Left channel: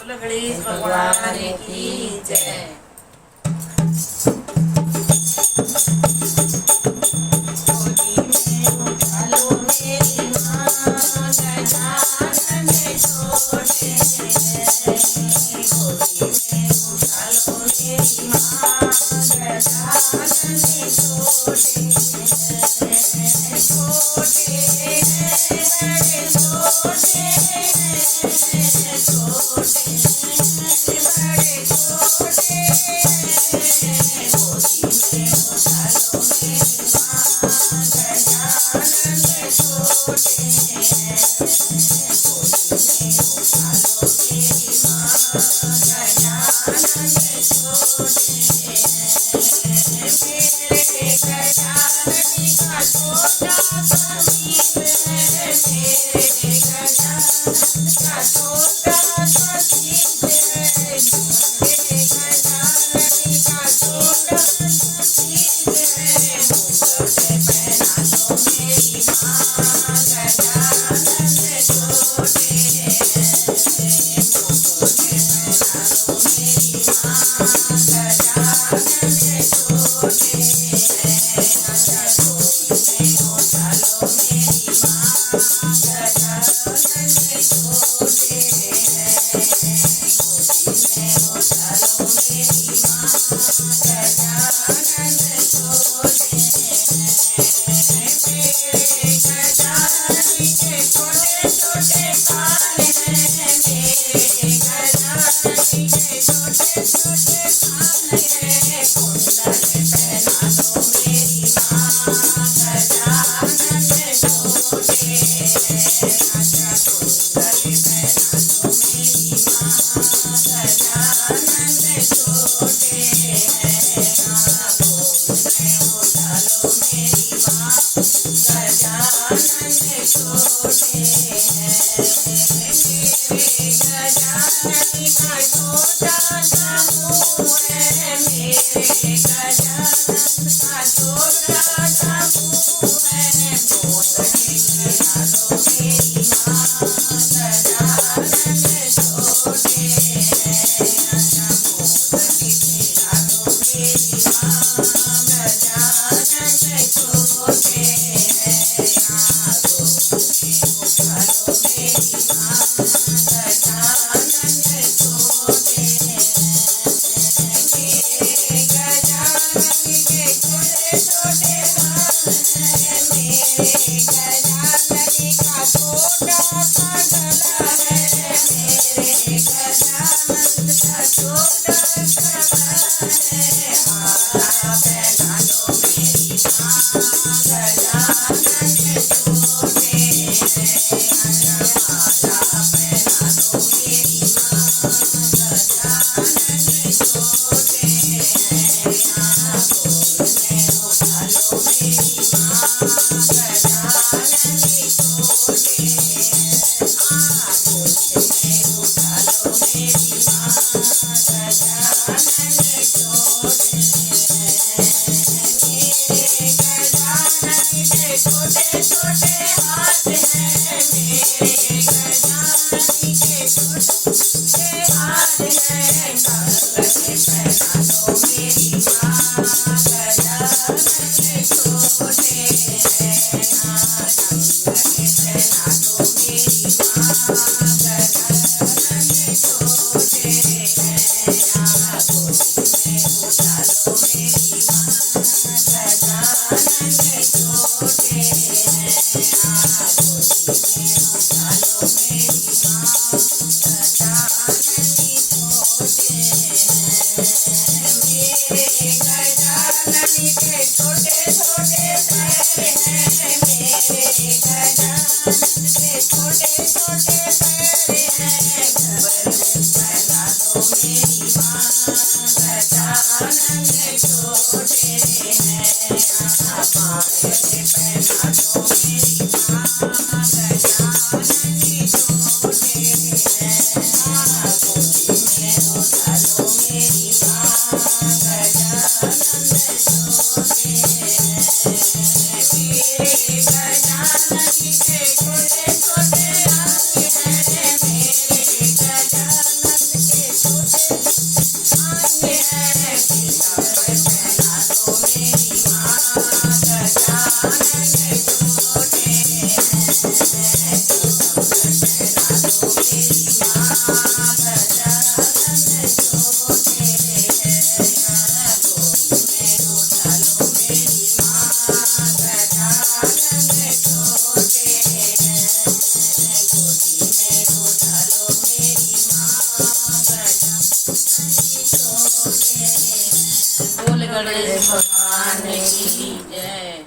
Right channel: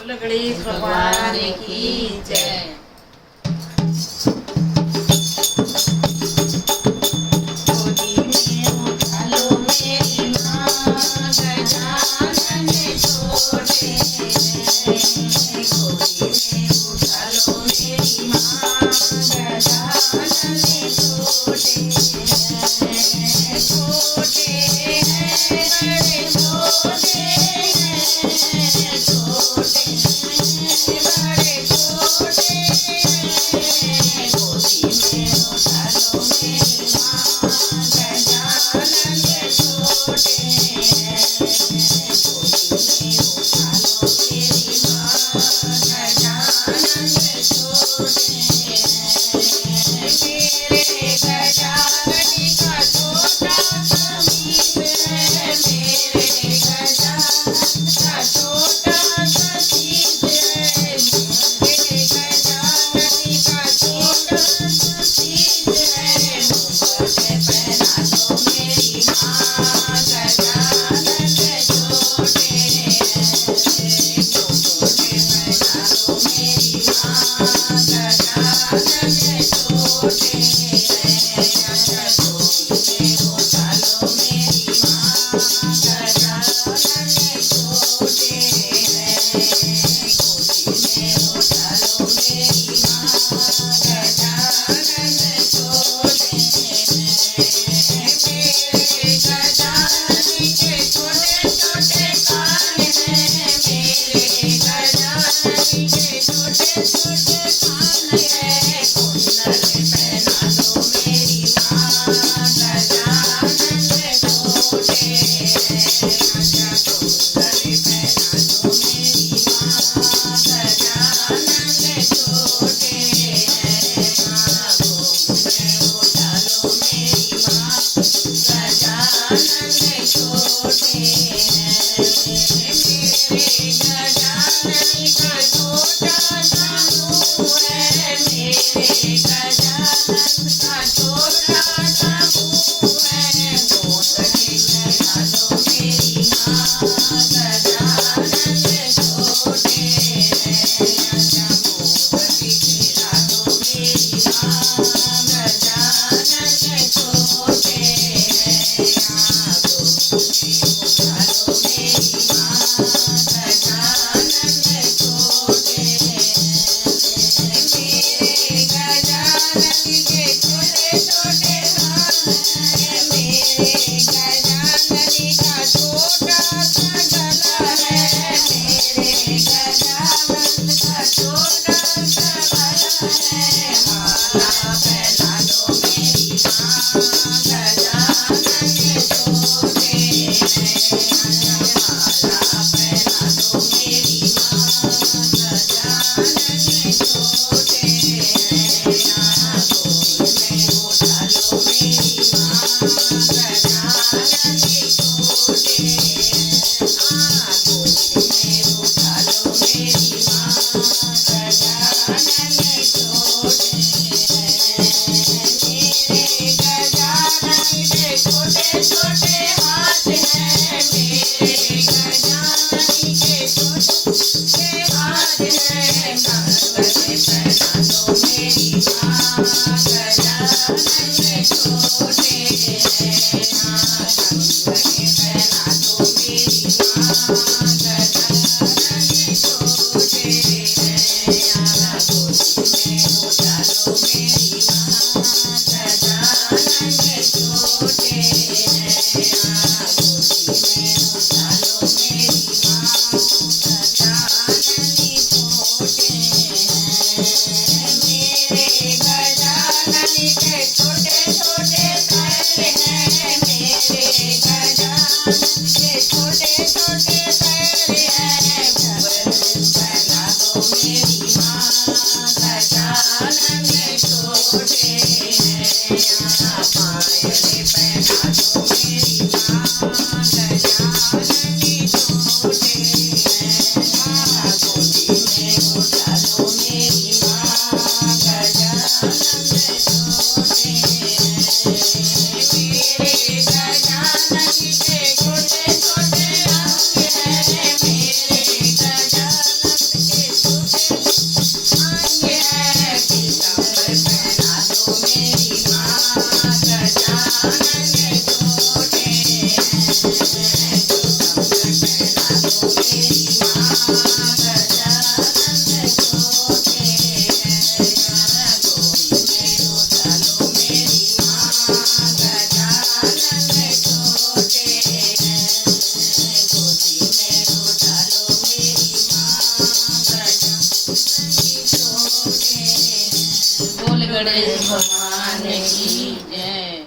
बोलो गणेश भगवान की जय। गोदी में उठा लो मेरी माँ, गजानन छोटे। गोदी में उठा लो मेरी माँ, गजानन छोटे। छोटे हैं बड़े छोटे हैं, छोटे बड़े छोटे हैं। गोदी में उठा लो मेरी माँ, गजानन छोटे हैं। गोदी में उठा लो मेरी माँ, गजानन छोटे हैं। मेरे गजानन का छोटा सा सीस है, मेरे गजानन का छोटा सा सीस है। मेरे गजानन का छोटा सा सीस है। मुकुट पहना दो मेरी माँ, गजानन छोटे हैं। मुकुट पहना दो मेरी माँ, गजानन छोटे हैं। अच्छा गोदी में उठा लो मेरी माँ, गजानन छोटे हैं। गोदी में उठा लो मेरी माँ, गजानन छोटे हैं। मेरे गजानन के छोटे छोटे कान हैं, मेरे गजानन के छोटे छोटे कान हैं। कुंडल पहना दो मेरी माँ, गजानन छोटे हैं। अच्छा कुंडल पहना दो मेरी माँ, गजानन छोटे हैं। गोदी में उठा लो मेरी माँ, गजानन छोटे हैं। मेरे गजानन का छोटा सा मुँह है, मेरे गजानन का छोटा सा मुँह है। पोतली खिला दो मेरी माँ, गजानन छोटे हैं। अच्छा पोतली खिला दो मेरी माँ, गजानन छोटे हैं। गोदी में उठा लो मेरी माँ, गजानन छोटे हैं। मेरे गजानन के छोटे छोटे कान हैं, मेरे गजानन का छोटा सा गला है। मेरे गजानन का छोटा सा गला है। माला पहना दो मेरी माँ, गजानन छोटे हैं। अच्छा माला पहना दो मेरी माँ, गजानन छोटे हैं। गोदी में उठा लो मेरी माँ, गजानन छोटे हैं। गोदी में उठा लो मेरी माँ, गजानन छोटे हैं। मेरे गजानन के छोटे छोटे हाथ हैं, मेरे गजानन के छोटे हाथ हैं। कंगन पहना दो मेरी माँ, गजानन छोटे हैं। कंगन पहना दो मेरी माँ, गजानन छोटे हैं। गोदी में उठा लो मेरी माँ, गजानन छोटे हैं। गोदी में उठा लो मेरी माँ, गजानन छोटे हैं। गणेश भगवान की जय।